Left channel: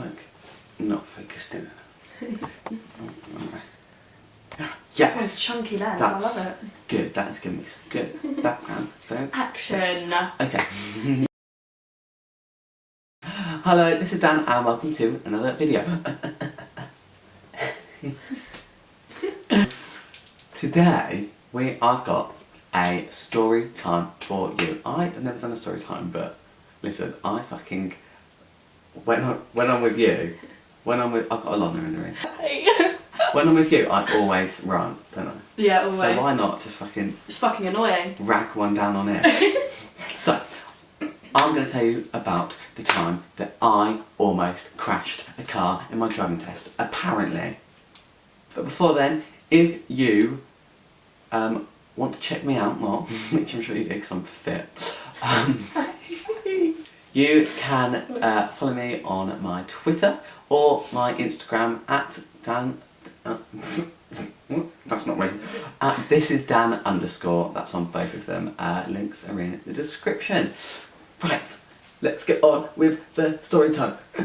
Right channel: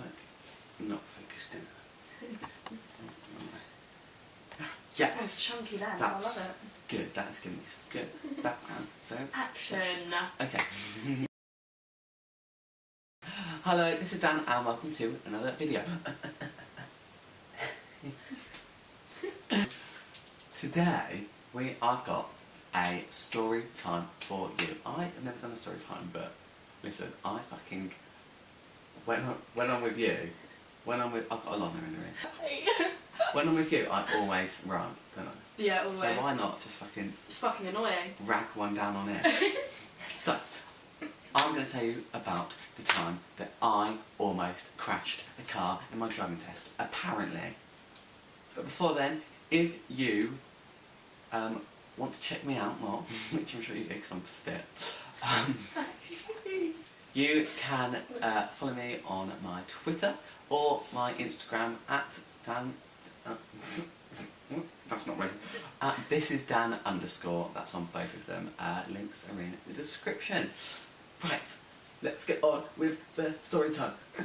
Like, not focused in. Yes! It's chunky lens, That's I love it. Good, that's giving me some good background. Action! Okay. Hello, this is Dan and welcome to another video. Today, I've got a story time for you. I have never done a story time, but listen, I fucking, when I'm with you, I've got a Lana in the room. When I'm with you, I always run, don't I? Yeah, always. So why not just fucking... It's fucking annoying. Rag one down on it. So, I'm going to tell you about the time that I almost crashed a car in my driving test, apparently. But before then, if you want to check me out more, which I'm sure you do because I'm fit, you can follow me on my Twitter or my Instagram at Dan... that's not me. This is Dan _, that's on both of them. Links are in the description. Right, let's get on with the story time. I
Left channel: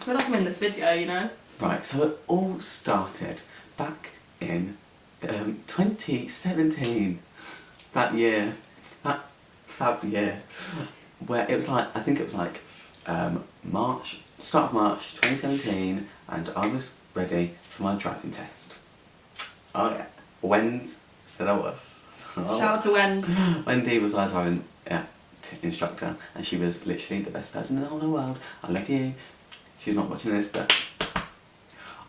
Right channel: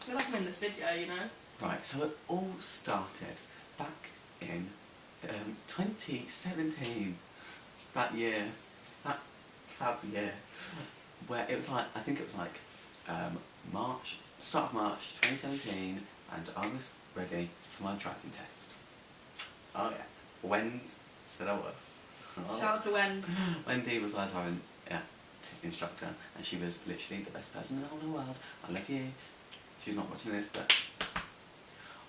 feel like I'm in this video, you know? Right, so it all started back in 2017. That year, that fab year, where it was like, I think it was like March, start of March 2017, and I was ready for my driving test. Oh yeah, Wendy said I was. Shout out to Wendy. Wendy was our driving instructor, and she was literally the best person in the whole world. I love you. She's not watching this, but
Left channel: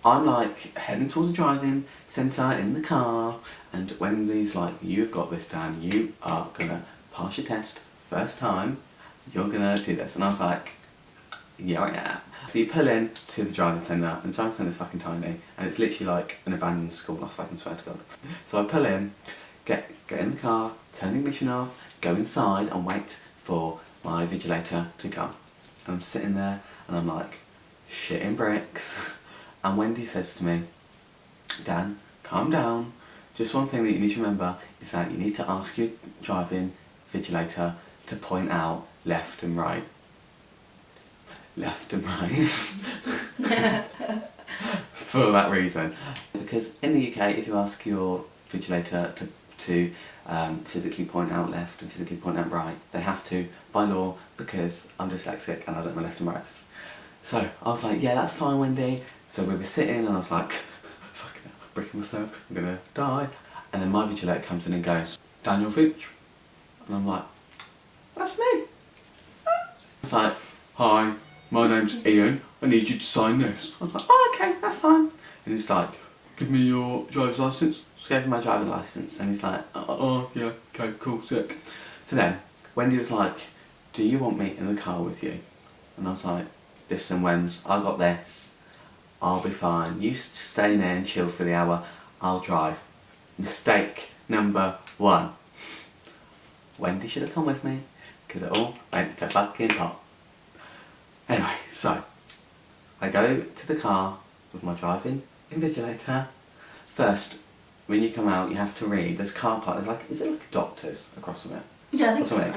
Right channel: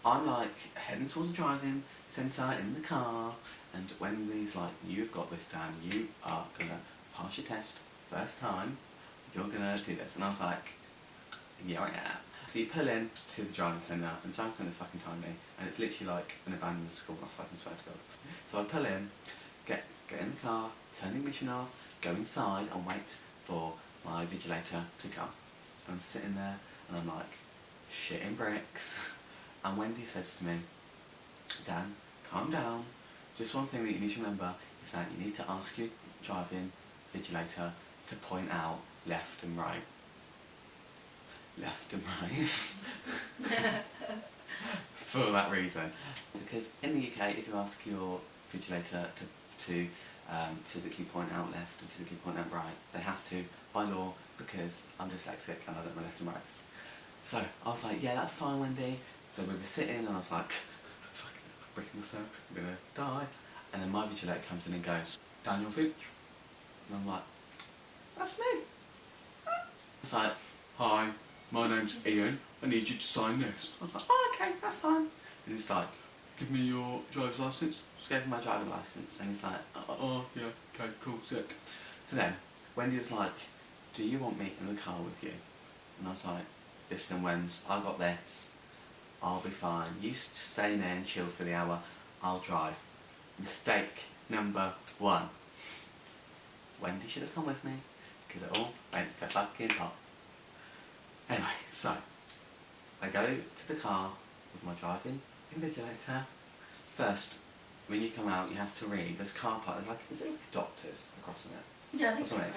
I'm like heading towards the driving centre in the car, and Wendy's like, "You've got this, Dan. You are gonna pass your test first time. You're gonna do this." And I was like, "Yeah, I am." So you pull in to the driving centre, and the driving centre is fucking tiny, and it's literally like an abandoned school, I fucking swear to God. So I pull in, get in the car, turn the ignition off, go inside and wait for my vigilator to come. And I'm sitting there and I'm like, shitting bricks. And Wendy says to me, "Dan, calm down. Just one thing that you need to remember is that you need to ask your driving vigilator to point out left and right." Left and right. For that reason. Because in the UK, if you ask your vigilator to physically point out left and physically point out right, they have to by law, because I'm dyslexic and I don't know left and right. So I was like, yeah, that's fine, Wendy. So we were sitting and I was like, fucking hell, I'm breaking myself, I'm gonna die. And then my vigilator comes in and goes, "Daniel Finch." And I'm like, "That's me." It's like, "Hi, my name's Ian, I need you to sign this." I was like, "Oh, okay, that's fine." And he's like, "Give me your driver's licence." So I gave him my driving licence, and he's like, oh yeah, okay, cool, sick. So then, Wendy was like, "Do you want me in the car with you?" And I was like, "Listen, Wens, I got this. I'll be fine. You stay in there and chill for the hour. I'll drive." Mistake number one. Wendy should have come with me, because it all went to fucking pot. Anyway, so I go to the car with my driving invigilator. First, when you come out, you have to read. There's a car park. There's like, is it like a doctor's across from it? Yeah, I think so.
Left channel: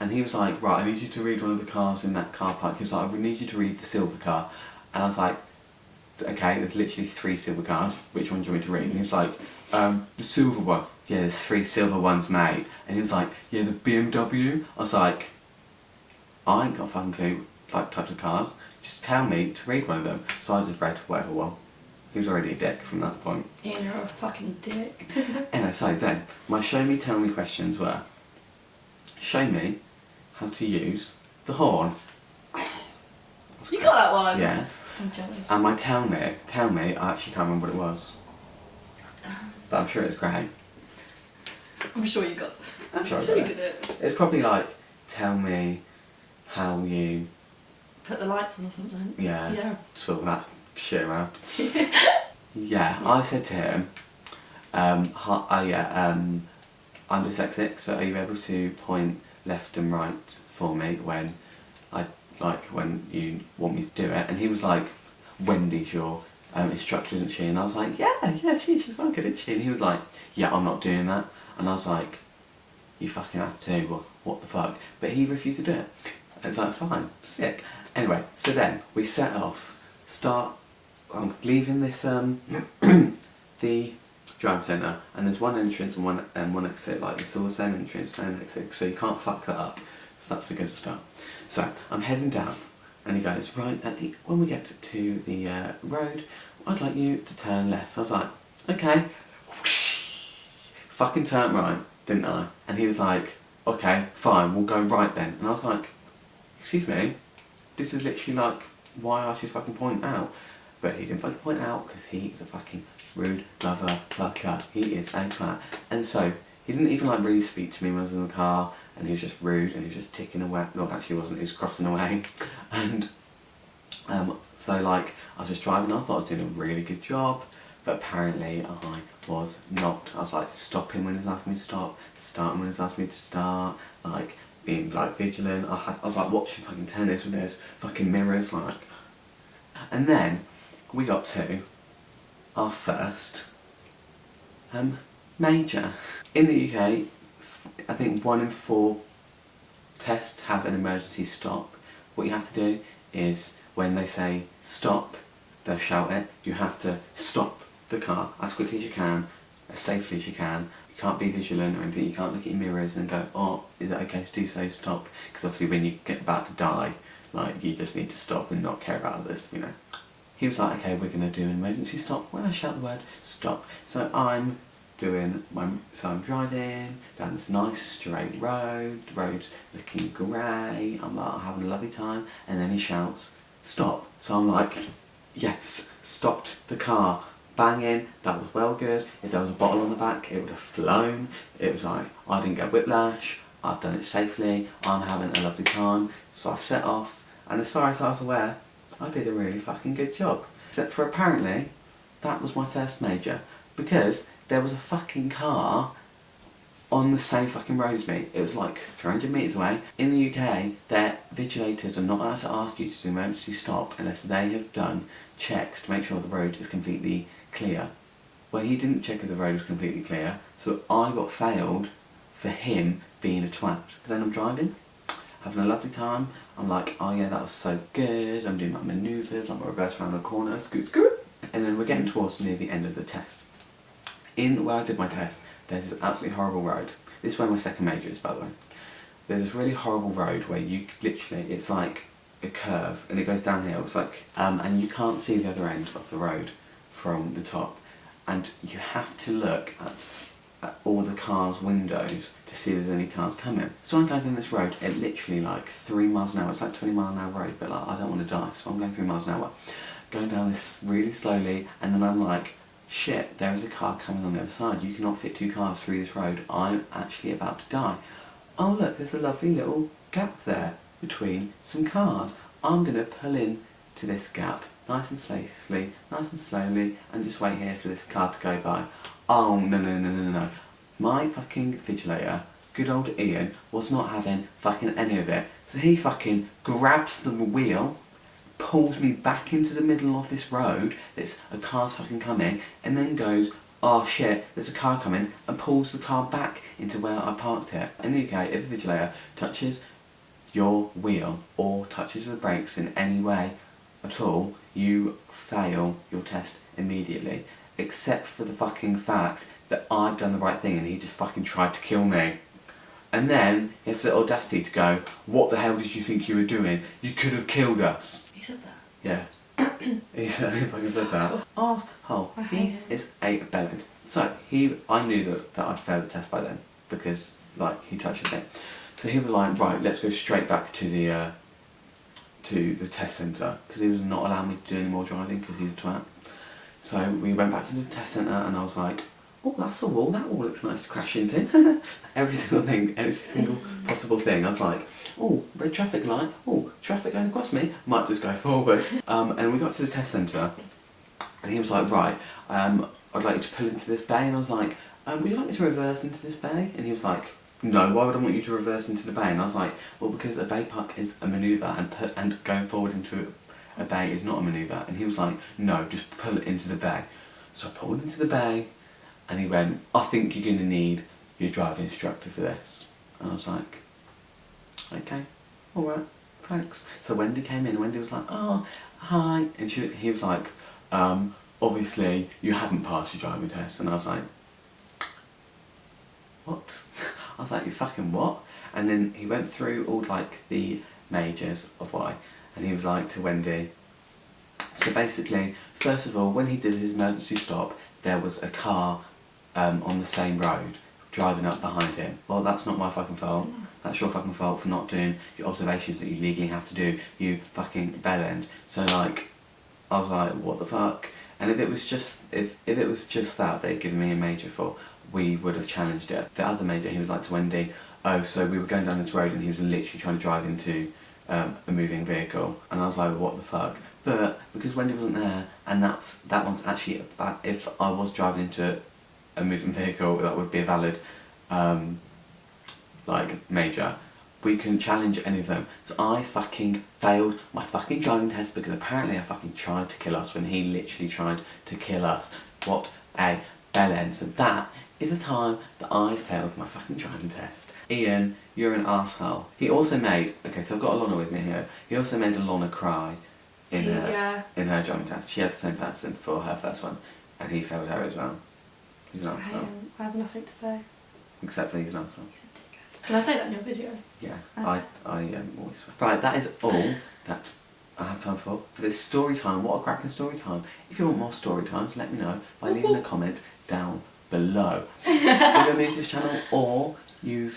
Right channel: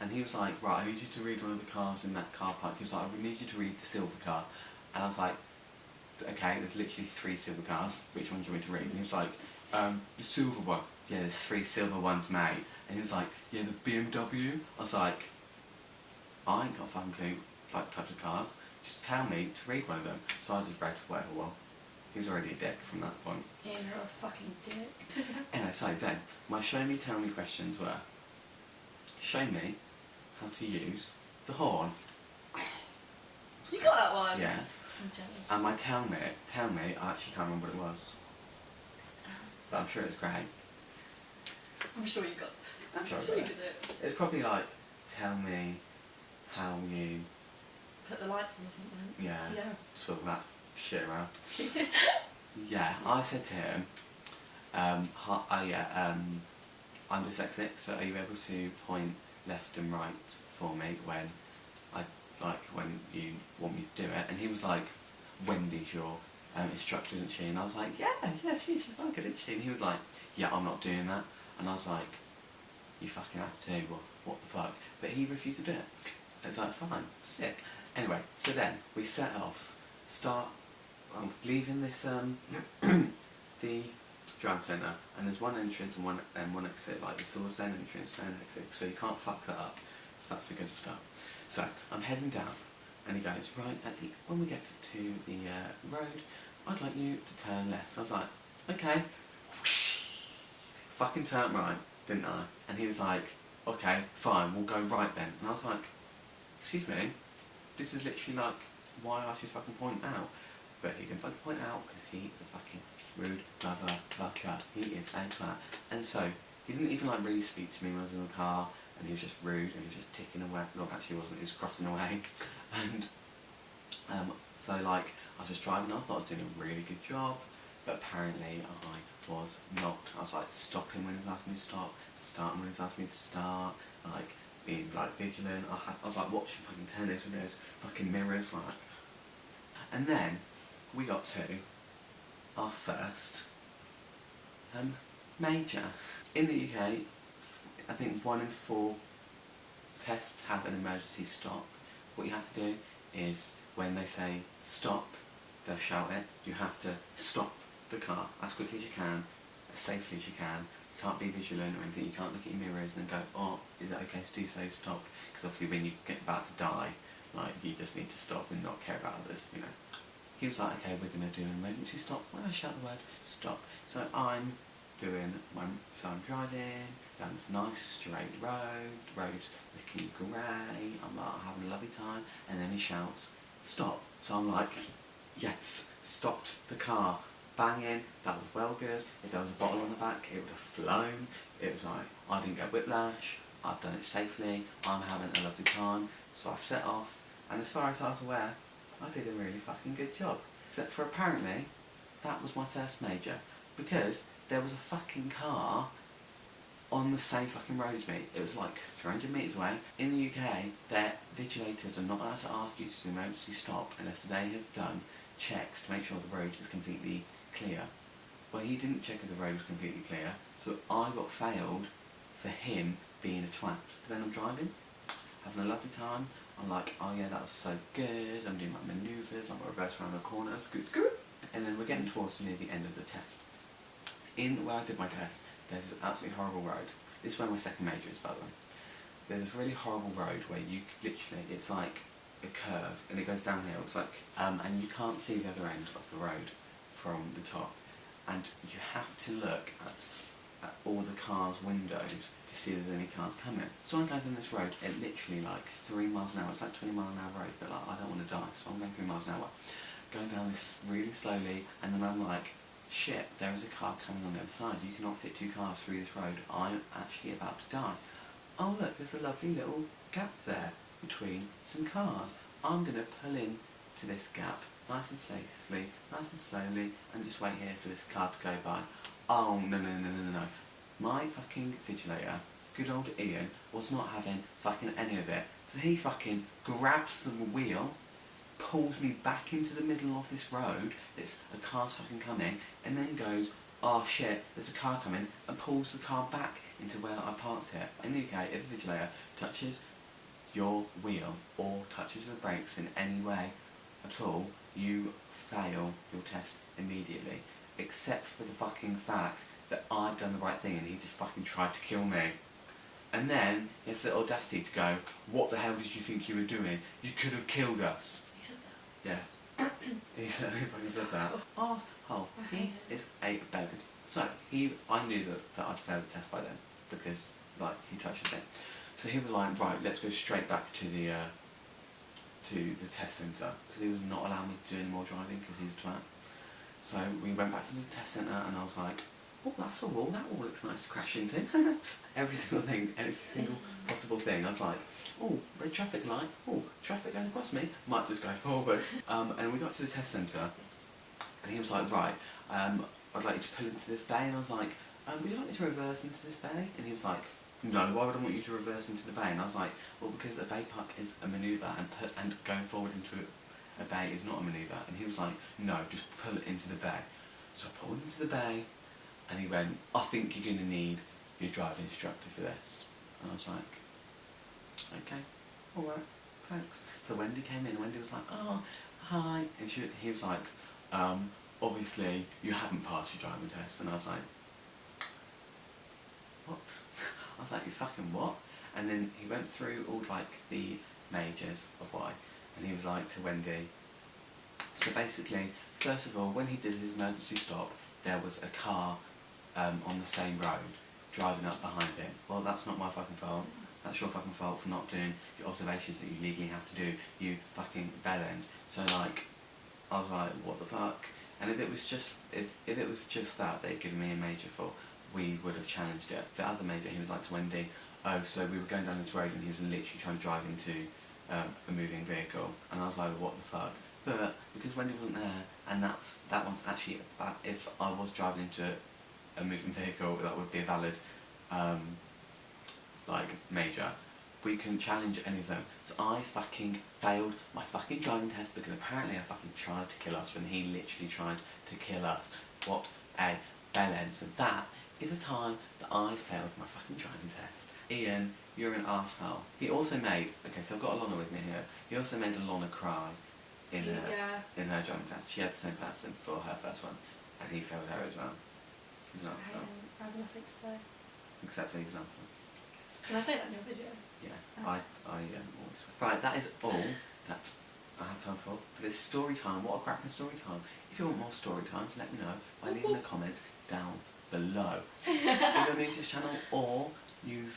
And he was like, "Right, I need you to read one of the cars in that car park." He was like, "I need you to read the silver car." And I was like, "Okay, there's literally 3 silver cars. Which one do you want me to read?" And he was like, "The silver one." "Yeah, there's 3 silver ones, mate." And he was like, "Yeah, the BMW." I was like, "I ain't got a fucking clue, like, types of cars. Just tell me to read one of them." So I just read whatever one. He was already a dick from that point. Ian, you're a fucking dick. Anyway, so then, my show me, tell me questions were, show me how to use the horn. You got that one? Yeah. I'm jealous. And my tell me, I actually can't remember what it was. But I'm sure it's great. I'm sure you got. I'm sure you did it. It's probably like, tell me how you... Put the lights on or something. Yeah. Yeah. Swivel that shit around. Yeah, I said to him, I'm dyslexic, so are you able to point left and right for me when you want me to do it? And he was like, "Wendy's your instructor, isn't she?" And I was like, yeah, she's fucking good, isn't she? And he was like, "Yeah, I'm not doing that." And I was like, "You fucking have to, what the fuck?" But he refused to do it. It's like, fine, sick. Anyway, so then we set off I'm leaving this the drive centre, and there's one entrance and one exit. Like it's all the same entrance, same exit, so you can't fuck that up. So that's a good start. So I'm heading down, and he goes, right at the when we get to the road, I'd like you to turn left. I was like, okay. Fucking turned right, didn't I? And he was like, okay, fine, we'll go right then. And I was like, excuse me, this is literally like why I should fucking point out. But he didn't fucking point out because he is a fucking rude lover fucker. He is a twat. And so he didn't even like really speak to me when I was in the car, and he was just rude and he was just ticking away. No, actually he wasn't, he was crossing away. And so like I was just driving, I thought I was doing a really good job, but apparently I was not. I was like stopping when he was asking me to stop, starting when he was asking me to start, like being like vigilant. I was like watching fucking tennis with those fucking mirrors, like. And then we got to our first major. In the UK, I think 1 in 4 tests have an emergency stop. What you have to do is when they say stop, they'll shout it. You have to stop the car as quickly as you can, as safely as you can. You can't be vigilant or anything. You can't look at your mirrors and go, oh, is it okay to do so? Stop. Because obviously when you get about to die, like you just need to stop and not care about others, you know. He was like, okay, we're going to do an emergency stop. When I shout the word stop. So I'm driving down this nice straight road, the road's looking grey, I'm like having a lovely time, and then he shouts, stop. So I'm like, yes, stopped the car, banging, that was well good. If there was a bottle on the back, it would have flown. It was like, I didn't get whiplash, I've done it safely, I'm having a lovely time. So I set off, and as far as I was aware, I did a really fucking good job. Except for apparently, that was my first major, because there was a fucking car on the same fucking road as me. It was like 300 metres away. In the UK, their vigilators are not allowed to ask you to do emergency stop unless they have done checks to make sure the road is completely clear. Well, he didn't check if the road was completely clear, so I got failed for him being a twat. Then I'm driving, having a lovely time. I'm like, oh yeah, that was so good. I'm doing my manoeuvres, like my reverse around the corner, scoot, scoot. And then we're getting towards near the end of the test. In where I did my test, there's this absolutely horrible road. This is where my second major is, by the way. There's this really horrible road where you literally, it's like a curve and it goes downhill. It's like, and you can't see the other end of the road from the top. And you have to look at all the cars' windows to see if there's any cars coming. So I'm going down this road at literally like 3 miles an hour. It's like 20 mile an hour road, but like I don't want to die, so I'm going 3 miles an hour. Going down this really slowly, and then I'm like, shit, there is a car coming on the other side. You cannot fit 2 cars through this road. I'm actually about to die. Oh look, there's a lovely little gap there between some cars. I'm going to pull in to this gap nice and slowly, and just wait here for this car to go by. Oh, no. My fucking vigilator, good old Ian, was not having fucking any of it. So he fucking grabs the wheel, pulls me back into the middle of this road, there's a car's fucking coming, and then goes, oh shit, there's a car coming, and pulls the car back into where I parked it. In the UK, if the vigilator touches your wheel or touches the brakes in any way at all, you fail your test immediately. Except for the fucking fact that I'd done the right thing and he just fucking tried to kill me. And then he has the audacity to go, what the hell did you think you were doing? You could have killed us. He said that? Yeah. He fucking said that. Arsehole. He is a bellend. So, I knew that I'd failed the test by then, because, like, he touched it. So he was like, right, let's go straight back to the test centre, because he was not allowing me to do any more driving, because he's a twat. So we went back to the test centre, and I was like, oh, that's a wall, that wall looks nice to crash into. Every single thing, every single possible thing. I was like, oh, red traffic light, oh, traffic going across me, might just go forward. And we got to the test centre, and he was like, right, I'd like you to pull into this bay, and I was like, would you like me to reverse into this bay? And he was like, no, why would I want you to reverse into the bay? And I was like, well, because a bay park is a manoeuvre, and going forward into a bay is not a manoeuvre. And he was like, no, just pull it into the bay. So I pulled into the bay, and he went, I think you're going to need your driving instructor for this. And I was like, okay, alright, thanks. So Wendy came in, and Wendy was like, oh, hi, and he was like, obviously you haven't passed your driving test, and I was like, what? I was like, you fucking what? And then he went through all like the majors of why, and he was like to Wendy, so basically, first of all, when he did his emergency stop, there was a car on the same road driving up behind him. Well, that's not my fucking fault. That's your fucking fault for not doing your observations that you legally have to do, you fucking bellend. So like, I was like, what the fuck? And if it was just that they'd given me a major for, we would have challenged it. The other major, he was like to Wendy, oh, so we were going down this road and he was literally trying to drive into a moving vehicle, and I was like, what the fuck? But because Wendy wasn't there, and that one's actually, if I was driving into a moving vehicle, that would be a valid like major, we can challenge any of them. So I fucking failed my fucking driving test because apparently I fucking tried to kill us when he literally tried to kill us. What a bellend. So that is the time that I failed my fucking driving test. Ian, you're an arsehole. He also made, okay, so I've got Alana with me here, he also made Alana cry in her driving test. She had the same person for her first one, and he failed her as well. He's an arsehole. I have nothing to say. Except for he's an arsehole. Can I say that in your video? Yeah, I always swear. Right, that is all that I have time for this story time. What a cracking story time. If you want more story times, let me know by leaving a comment down below. If you're new to this channel or you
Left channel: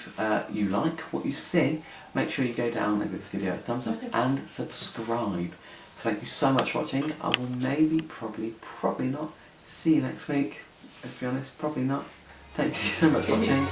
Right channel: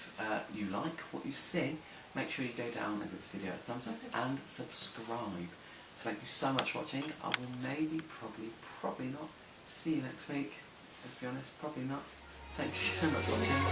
like what you see, make sure you go down and give this video a thumbs up and subscribe. Thank you so much for watching. I will maybe, probably not see you next week. Let's be honest, probably not. Thank you so much for watching.